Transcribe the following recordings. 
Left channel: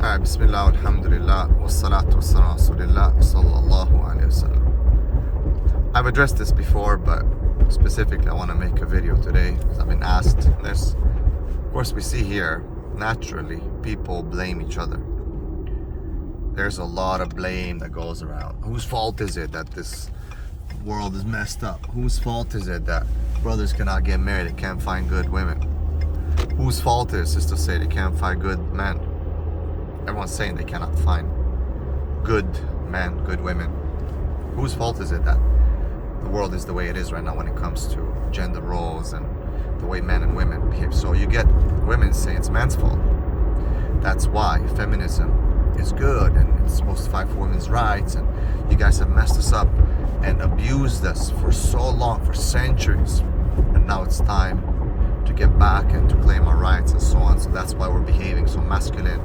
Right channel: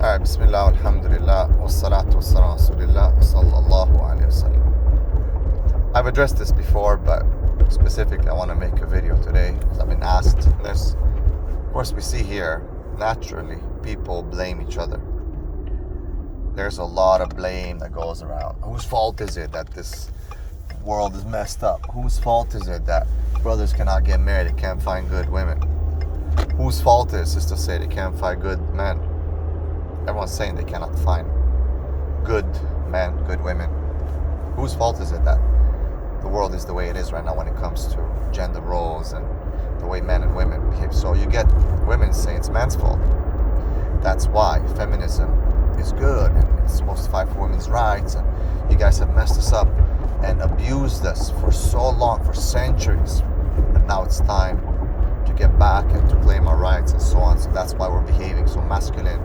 Bismillah, alhamdulillah, wassalatu wassalamu rasulillah, sallallahu alayhi wasallam. I've addressed this before, but specifically I want to make a video today because I've been asked this. Of course, we see here, naturally, people blame each other. There's a lot of blame that goes around. Whose fault is it that this world is messed up? Whose fault is it that brothers cannot get married, they can't find good women? Whose fault is to say they can't find good men? Everyone's saying they cannot find good men, good women. Whose fault is it that the world is the way it is right now when it comes to gender roles and the way men and women behave? So you get women saying it's man's fault. That's why feminism is good and it's supposed to fight for women's rights, and you guys have messed us up and abused us for so long, for centuries, and now it's time to get back and to claim our rights and so on. So that's why we're behaving so masculine,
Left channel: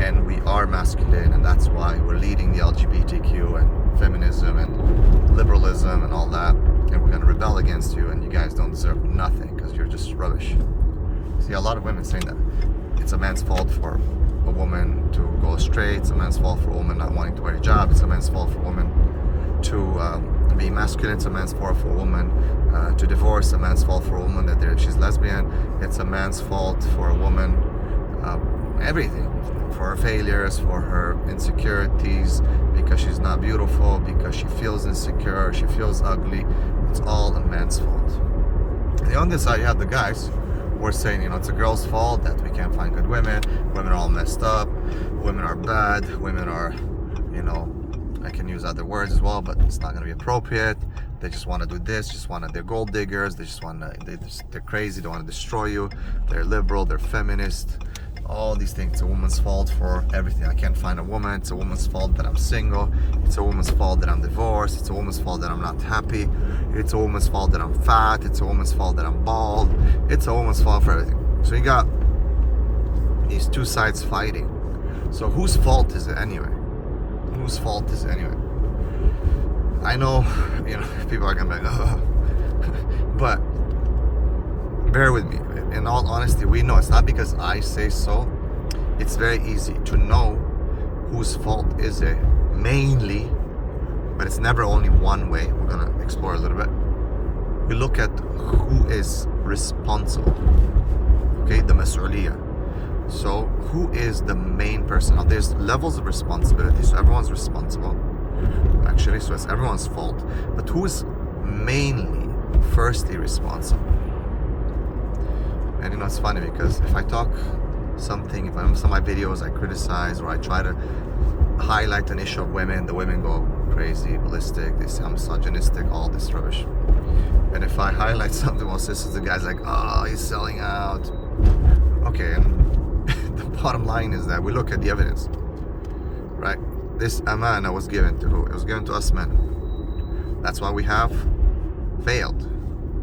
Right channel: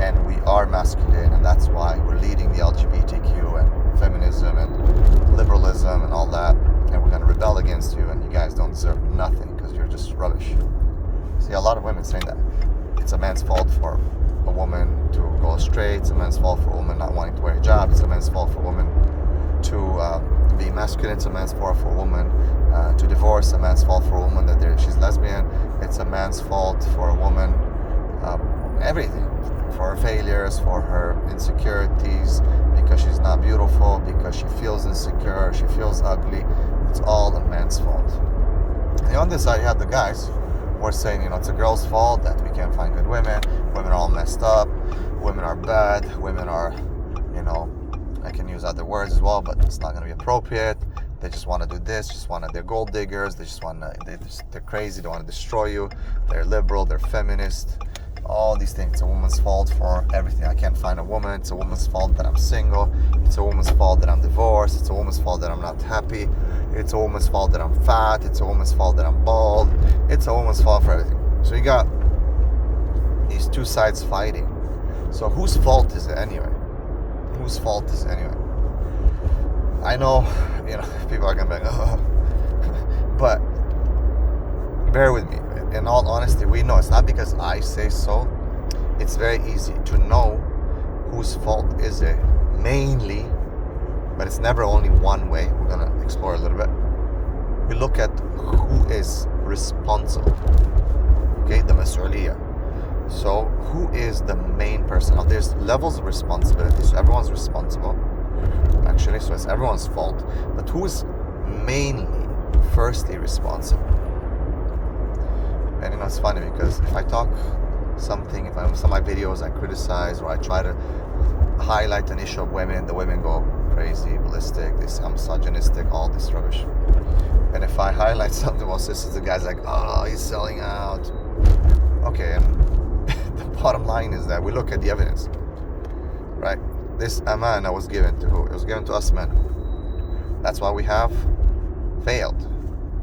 and we are masculine, and that's why we're leading the LGBTQ and feminism and liberalism and all that, and we're going to rebel against you, and you guys don't deserve nothing because you're just rubbish. See, a lot of women saying that it's a man's fault for a woman to go straight, it's a man's fault for a woman not wanting to wear a hijab, it's a man's fault for a woman to be masculine, it's a man's fault for a woman to divorce, a man's fault for a woman that she's lesbian, it's a man's fault for a woman, everything, for her failures, for her insecurities, because she's not beautiful, because she feels insecure, she feels ugly. It's all a man's fault. And on the other side, you have the guys who are saying, it's a girl's fault that we can't find good women, women are all messed up, women are bad, women are, I can use other words as well, but it's not going to be appropriate. They just want to do this, they're gold diggers, they're crazy, they want to destroy you, they're liberal, they're feminist, all these things. It's a woman's fault for everything. I can't find a woman, it's a woman's fault that I'm single, it's a woman's fault that I'm divorced, it's a woman's fault that I'm not happy, it's a woman's fault that I'm fat, it's a woman's fault that I'm bald, it's a woman's fault for everything. So you got these two sides fighting. So whose fault is it anyway? Whose fault is it anyway? I know, people are gonna be like, but bear with me. In all honesty, we know it's not because I say so. It's very easy to know whose fault is it, mainly, but it's never only one way. We're gonna explore a little bit. We look at who is responsible. Okay, the mas'uliyah. So who is the main person? Now there's levels of responsibility, so everyone's responsible. Actually, so it's everyone's fault. But who is mainly, firstly responsible? And it's funny because if I talk something, if I'm some of my videos I criticize or I try to highlight an issue of women, the women go crazy, ballistic, they say I'm misogynistic, all this rubbish. And if I highlight something, well, sisters, the guy's like, oh, he's selling out. Okay, and the bottom line is that we look at the evidence, right? This amana was given to who? It was given to us men. That's why we have failed,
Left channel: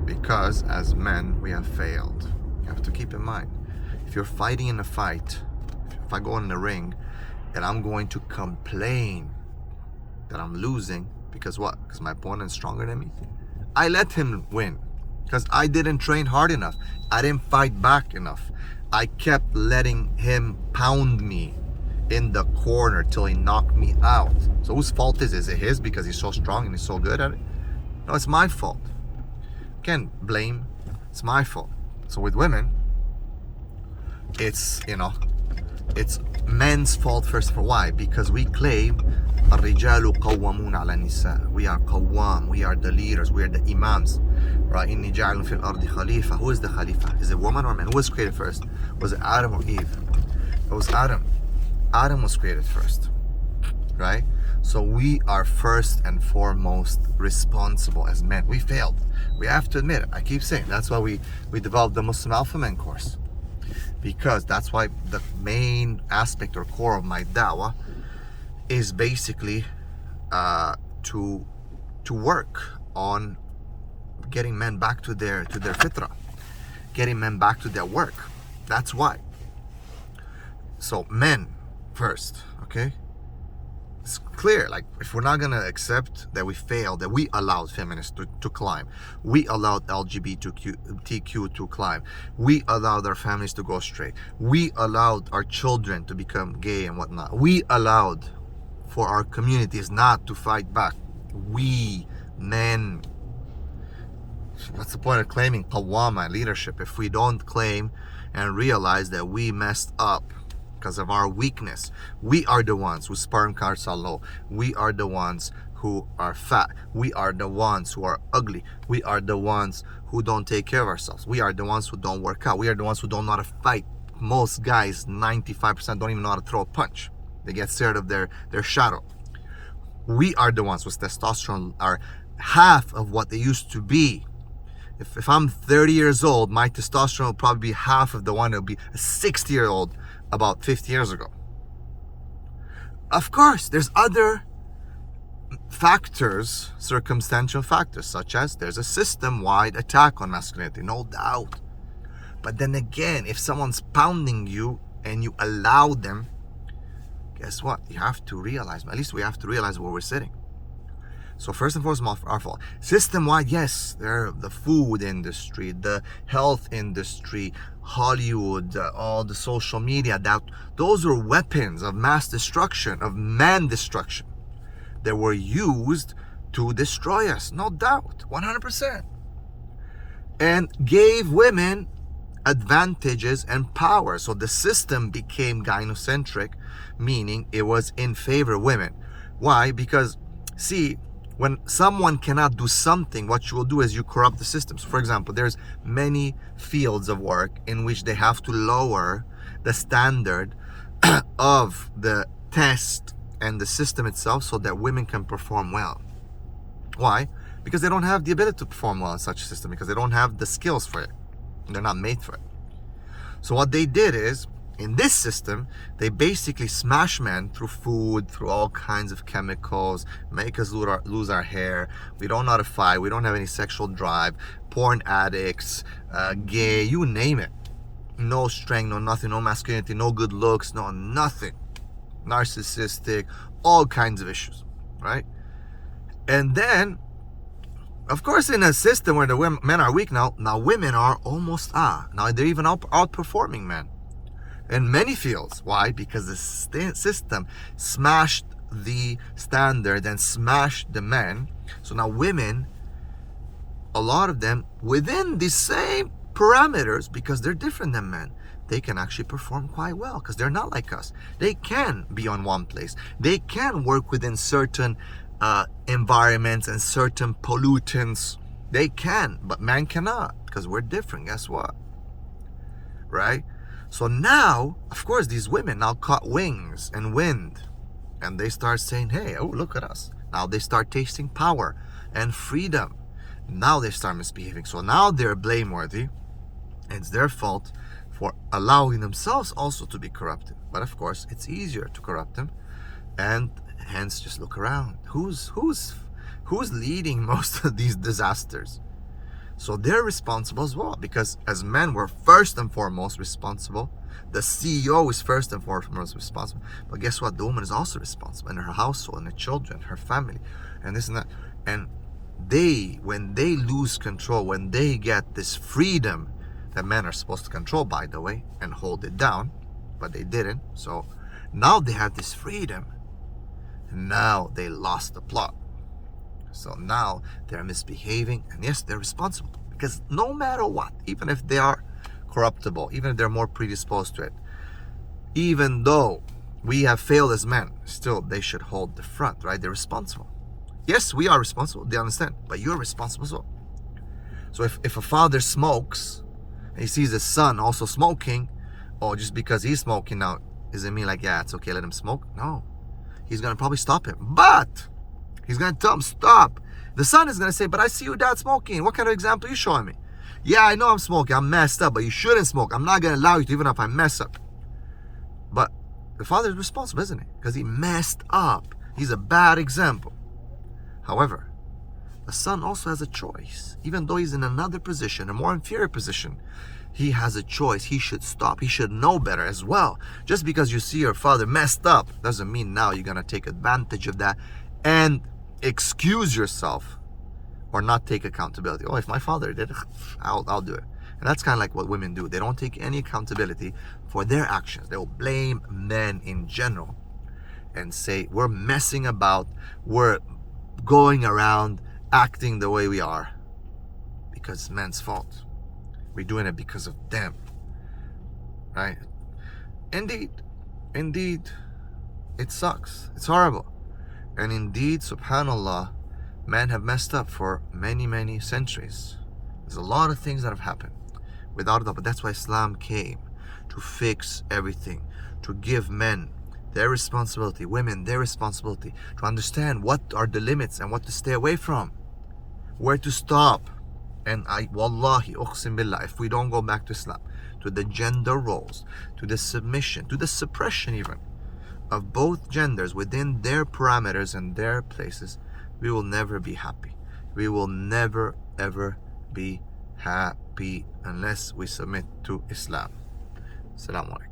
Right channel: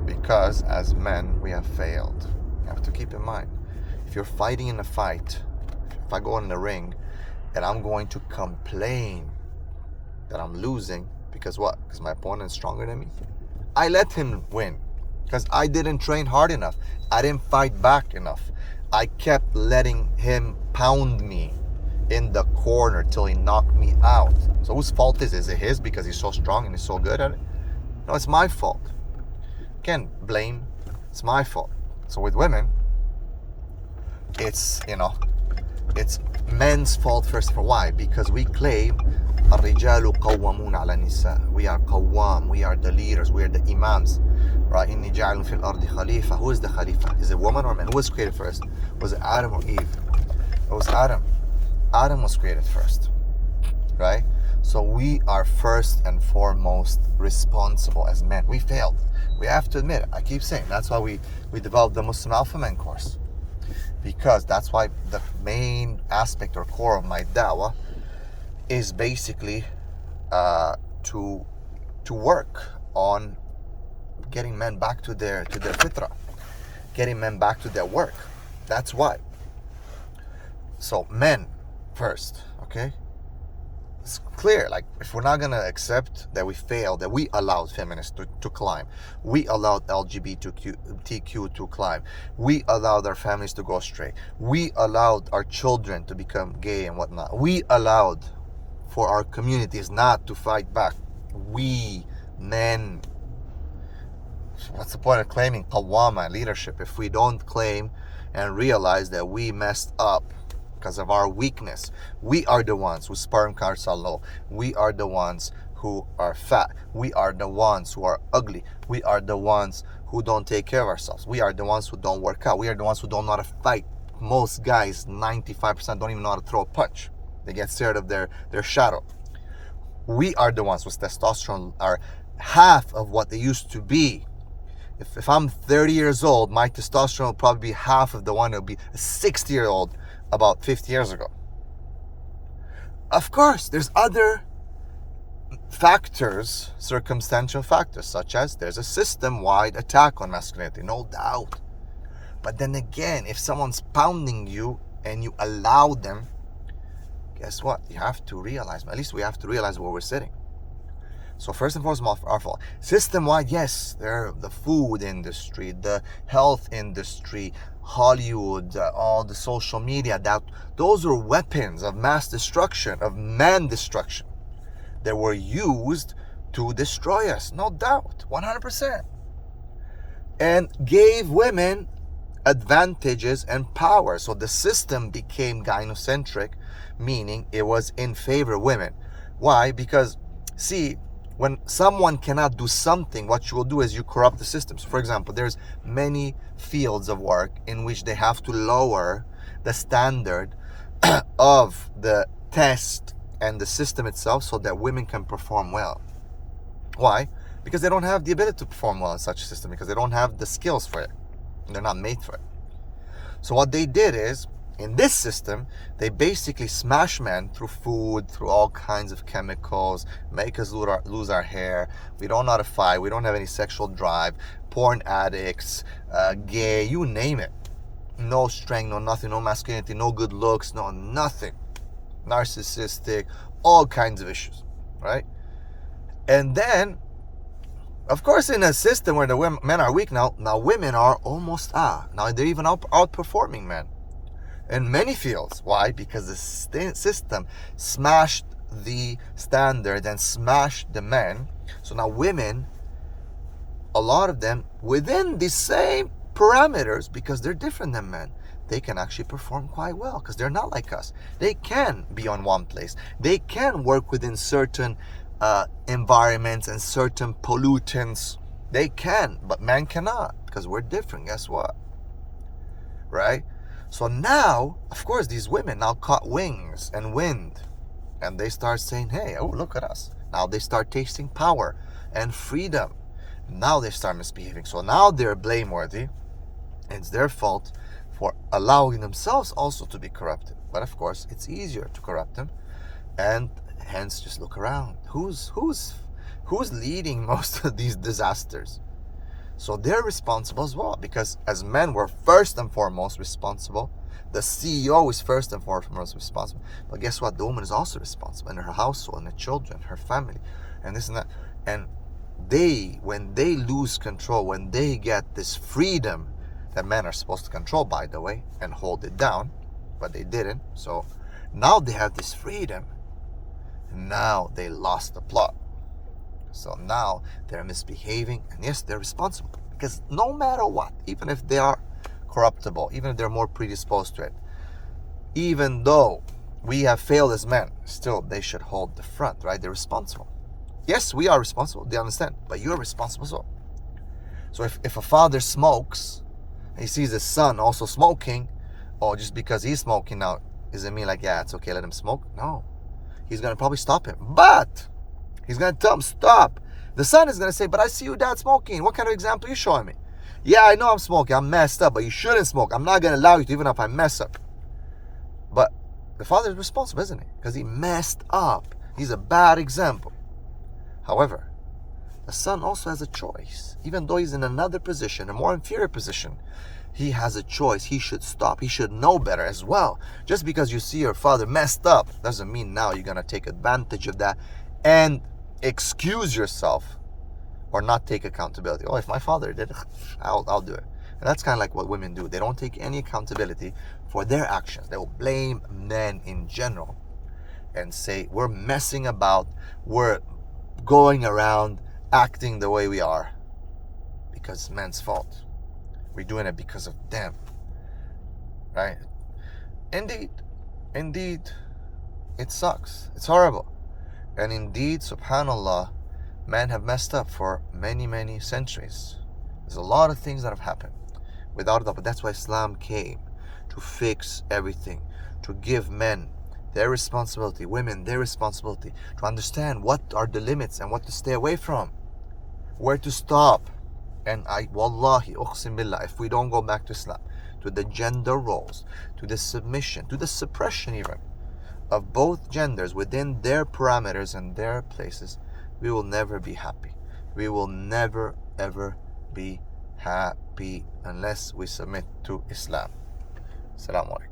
because as men we have failed. You have to keep in mind, if you're fighting in a fight, if I go in the ring and I'm going to complain that I'm losing, because what? Because my opponent is stronger than me? I let him win because I didn't train hard enough. I didn't fight back enough. I kept letting him pound me in the corner till he knocked me out. So whose fault is it? Is it his because he's so strong and he's so good at it? No, it's my fault. Can't blame. It's my fault. So with women, it's it's men's fault first. For why? Because we claim الرجال قوامون على النساء. We are qawwam, we are the leaders, we are the imams. Right? إني جاعل في الأرض خليفة. Who is the khalifa? Is it woman or man? Who was created first? Was it Adam or Eve? It was Adam. Adam was created first. Right? So we are first and foremost responsible as men. We failed. We have to admit it. I keep saying that's why we developed the Muslim Alpha Men course, because that's why the main aspect or core of my da'wah is basically to work on getting men back to their fitrah, getting men back to their work. That's why. So men first, okay? It's clear, like, if we're not going to accept that we failed, that we allowed feminists to climb, we allowed LGBTQ to climb, we allowed our families to go straight, we allowed our children to become gay and whatnot, we allowed for our communities not to fight back, we men. So what's the point of claiming Qawwama leadership if we don't claim and realize that we messed up because of our weakness? We are the ones whose sperm counts are low. We are the ones who are fat. We are the ones who are ugly. We are the ones who don't take care of ourselves. We are the ones who don't work out. We are the ones who don't know how to fight. Most guys, 95%, don't even know how to throw a punch. They get scared of their shadow. We are the ones whose testosterone are half of what they used to be. If I'm 30 years old, my testosterone will probably be half of the one that would be a 60-year-old about 50 years ago. Of course, there's other factors, circumstantial factors, such as there's a system-wide attack on masculinity, no doubt. But then again, if someone's pounding you and you allow them, guess what? You have to realize, at least we have to realize where we're sitting. So first and foremost, our fault. System-wide, yes, there the food industry, the health industry, Hollywood, all the social media, those were weapons of mass destruction, of man destruction, that were used to destroy us, no doubt, 100%. And gave women advantages and power. So the system became gynocentric, meaning it was in favor of women. Why? Because, see, when someone cannot do something, what you will do is you corrupt the system. So for example, there's many fields of work in which they have to lower the standard of the test and the system itself so that women can perform well. Why? Because they don't have the ability to perform well in such a system, because they don't have the skills for it. They're not made for it. So what they did is, in this system, they basically smash men through food, through all kinds of chemicals, make us lose our hair. We don't know how to fight. We don't have any sexual drive. Porn addicts, gay, you name it. No strength, no nothing, no masculinity, no good looks, no nothing. Narcissistic, all kinds of issues, right? And then, of course, in a system where the men are weak now women are almost, now they're even outperforming men in many fields. Why? Because the system smashed the standard and smashed the men. So now women, a lot of them, within the same parameters, because they're different than men, they can actually perform quite well because they're not like us. They can be on one place. They can work within certain environments and certain pollutants. They can, but men cannot, because we're different. Guess what? Right? So now, of course, these women now caught wings and wind, and they start saying, hey, oh, look at us. Now they start tasting power and freedom. Now they start misbehaving. So now they're blameworthy. It's their fault for allowing themselves also to be corrupted. But of course, it's easier to corrupt them, and hence just look around. Who's leading most of these disasters? So they're responsible as well, because as men, we're first and foremost responsible. The CEO is first and foremost responsible. But guess what? The woman is also responsible, and her household, and her children, her family, and this and that. And when they lose control, when they get this freedom that men are supposed to control, by the way, and hold it down, but they didn't. So now they have this freedom. Now they lost the plot. So now they're misbehaving, and yes, they're responsible, because no matter what, even if they are corruptible, even if they're more predisposed to it, even though we have failed as men, still they should hold the front, right? They're responsible. Yes, we are responsible, they understand, but you're responsible as well. So if a father smokes and he sees his son also smoking, or just because he's smoking now, does it mean like, yeah, it's okay, let him smoke? No. He's going to probably stop him, but he's going to tell him, stop. The son is going to say, but I see you, dad, smoking. What kind of example are you showing me? Yeah, I know I'm smoking. I'm messed up, but you shouldn't smoke. I'm not going to allow you to, even if I mess up. But the father is responsible, isn't he? Because he messed up. He's a bad example. However, the son also has a choice. Even though he's in another position, a more inferior position, He has a choice. He should stop. He should know better as well. Just because you see your father messed up doesn't mean now you're going to take advantage of that and excuse yourself or not take accountability. Oh, if my father did it, I'll do it. And that's kind of like what women do. They don't take any accountability for their actions. They will blame men in general and say, we're messing about, we're going around acting the way we are because it's men's fault. We're doing it because of them, right? Indeed, it sucks. It's horrible. And indeed, subhanAllah, men have messed up for many, many centuries. There's a lot of things that have happened, without a doubt. But that's why Islam came, to fix everything, to give men their responsibility, women their responsibility, to understand what are the limits and what to stay away from, where to stop. And wallahi, uqsim billah, if we don't go back to Islam, to the gender roles, to the submission, to the suppression even of both genders within their parameters and their places, we will never be happy. We will never ever be happy unless we submit to Islam. Assalamu alaikum.